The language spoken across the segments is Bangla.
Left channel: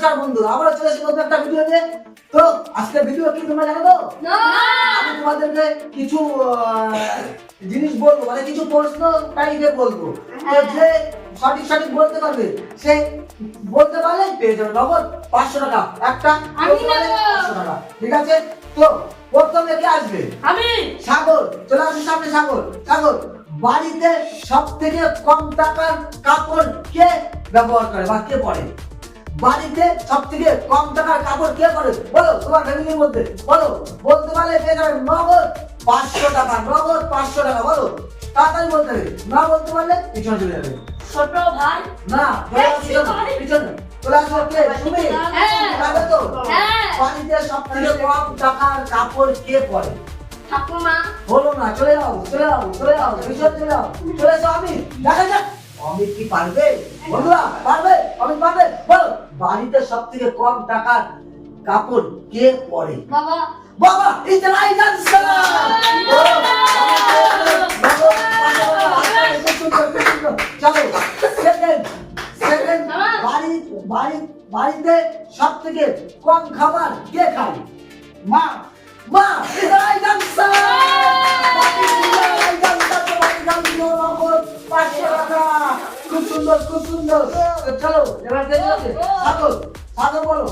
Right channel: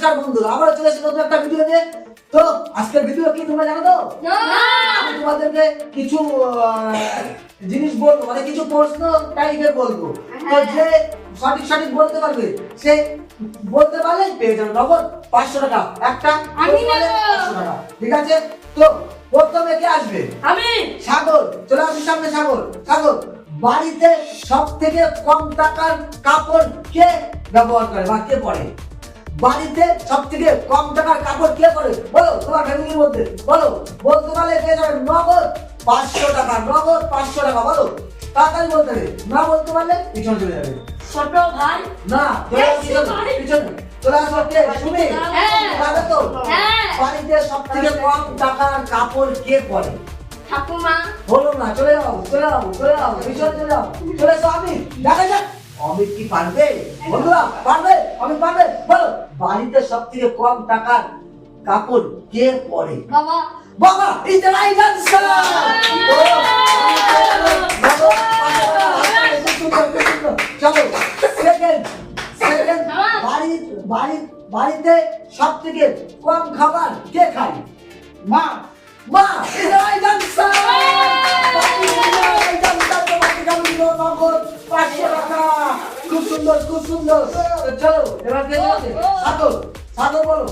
নমস্কার বন্ধুরা, আবার চলে এসেছি নতুন একটা ভিডিও নিয়ে। তো আজকের ভিডিও কি তোমরা জানো তো? আমি তোমাদেরকে কিছু জিনিস বলবো, মানে কিছু প্রশ্ন টাইপের বলবো। তো যে সঠিক বলতে পারবে সে বলতে পারলে পেয়ে যাবে নগদ 500 টাকা। একটা আমি নেব 500 টাকা, ঠিক আছে? তো প্রথমে কে আসবে? আমি। সাগর, চলে আসুন সামনে। সাগর, সাগর, বাড়িতে সব থেকে কম টাকার কাপড় কে ব্যবহার করে বা কে পরে? বাড়িতে সব থেকে কম টাকার কাপড় কে পরে? বলো, তোমার ফ্যামিলির মধ্যে বলো। বলতে পারলে পেয়ে যাবে নগদ 500 টাকা। নগদ 500 টাকা। বলো, তাড়াতাড়ি বলতে হবে। না বলতে পারলে পিছনে চলে যাবে। ছোট ভাই। না, পিছনে পিছনে চলে আসো। কে? তুমি? যাবে তো? বাড়িতে সব থেকে কম টাকার কাপড় কে পরে? ঠাকুমা। বলো না, চলে যাও, চলে যাও, চলে যাও, পিছনে চলে যাও। চলে এসো। আমি দেখা যাক অমিত কি পারবে। বন্ধুরা, পারবে? অমিত পারবে? বলো, বাড়িতে সব থেকে কম টাকার কাপড় কে পরে? বাবা। বাবা, ইজ দ্য রাইট আনসার। চলো, সেকেন্ড বাড়িতে সব থেকে কম খাবার কে খায়? মা। মা, ইজ দ্য রাইট আনসার। খুব সুন্দর, খুব সুন্দর। চলো, এবার কে যাচ্ছে? সাগর, সাগর বলো,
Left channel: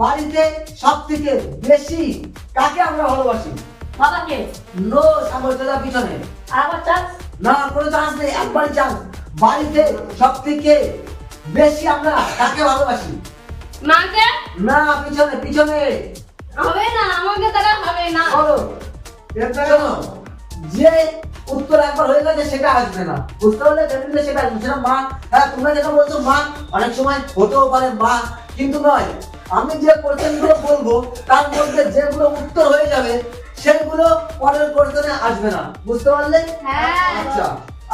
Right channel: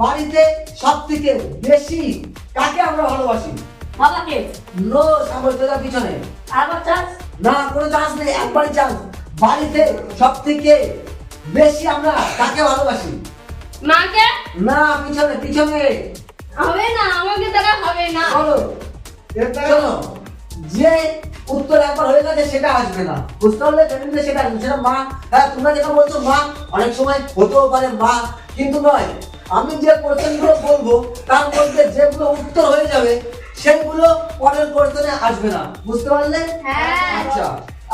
বাড়িতে সব থেকে বেশি কাকে আমরা ভালোবাসি? বাবাকে। নো, সাগর চলে পিছনে। আবার চাস। না, কোনো চান্স নেই, একবারই চান্স। বাড়িতে সব থেকে বেশি আমরা কাকে ভালোবাসি? মাকে। না, পিছনে পিছনে। হবে না, আমাকে তারা হবে না। বলো, চলো, যে উত্তর একবার হয়ে গেছে সেটা আসবে না। বুঝতে পারলে? ফ্যামিলিতে সেটা আসবে, সেটা মা। হ্যাঁ, তোমরা যেটা বলছো মা, অনেক সময় হতেও পারে মা, কিন্তু নয়। আমি যে কোশ্চেনগুলো বলবো তার মধ্যে যেগুলো উত্তর হয়ে যাবে সেগুলো পরের কোশ্চেনে আসবে না। বুঝতে পারলে? হ্যাঁ। আচ্ছা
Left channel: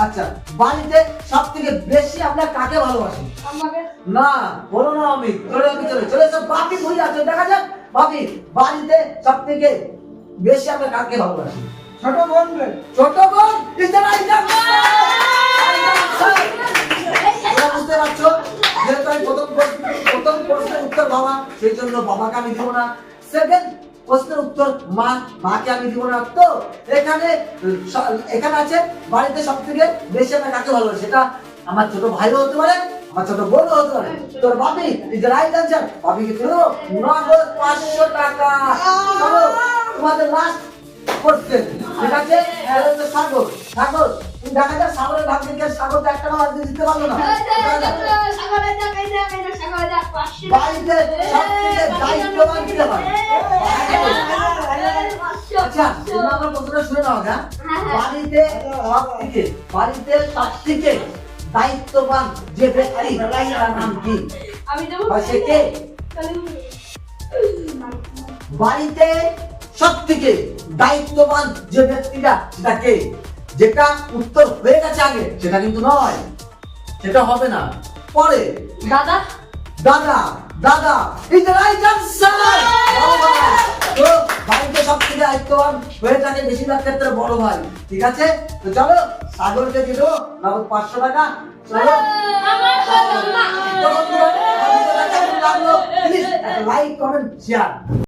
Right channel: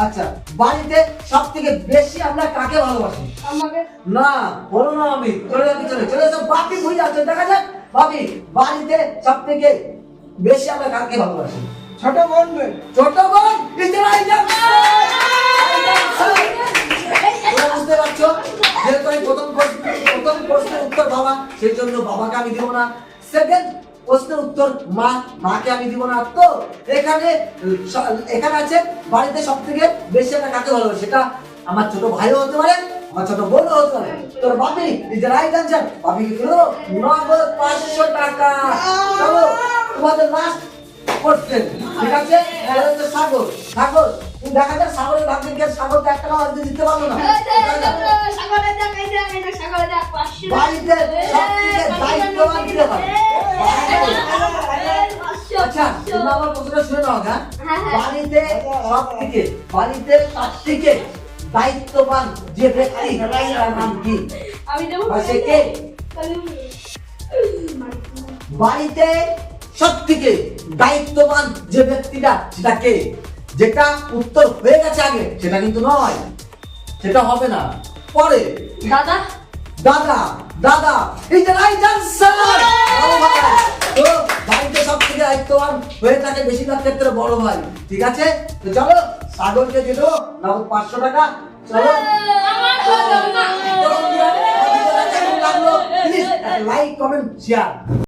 আচ্ছা, বাড়িতে সব থেকে বেশি আমরা কাকে ভালোবাসি? আমাকে। না, বলো না আমি। চলে চলে সব বাকি ভুলে যাচ্ছে। দেখা যাক ভাবি, বাড়িতে সব থেকে বেশি আমরা কাকে ভালোবাসি? ছোট বোন রে। ছোট বোন। Is the right answer. তোমরা বুঝতে পারছো, যেহেতু আমি প্রথম প্রশ্নের উত্তর বাবা, সেই জন্য বাবাকে আমি দিব না। সেকেন্ড প্রশ্নের উত্তর মা, মাকে আমি দিব না। তো এখানে আছে বাড়িতে সব থেকে বেশি আমরা কাকে ভালোবাসি। সেটা আমার ছোট ভাইও হতে পারে, আমার ছোট বোনও হতে পারে। তোর বাপি ইজ দ্য রাইট আনসার। বাপিকে দিল নগদ 500 টাকা। চলো, তোমাদের লাস্ট কোশ্চেন, ঠিক আছে? সাগর, সাগর, তুমি দেখা যাক সাগরের ভাগ্যে কে। সাগর তো 1 টাকা দিতে পারলো না। বাড়িতে সব থেকে দায়িত্ববান কে হয়? আচ্ছা, তোমরা আমার কথাটা শুনে নাও। হ্যাঁ, বাড়িতে সব থেকে দায়িত্ববান যে ব্যক্তি তার নাম কি? আমি দেব। সে কে? বাড়িতে সব থেকে দায়িত্ববান যে ব্যক্তিটা সেটা কে? যেটা উত্তর হয়ে গেছে আগে সেটা কিন্তু নয়, সেটা হবে না পরে। দাদা। দাদা, দাদা ইজ দ্য রাইট আনসার। তো বাড়িতে সব থেকে দায়িত্ববান হয়ে থাকে বেশিরভাগ ক্ষেত্রে বড় ভাই, ঠিক আছে? তো চলো, সাগরকে দিল নগদ 500 টাকা। চলো, আমার হলো না। Like, comment, share.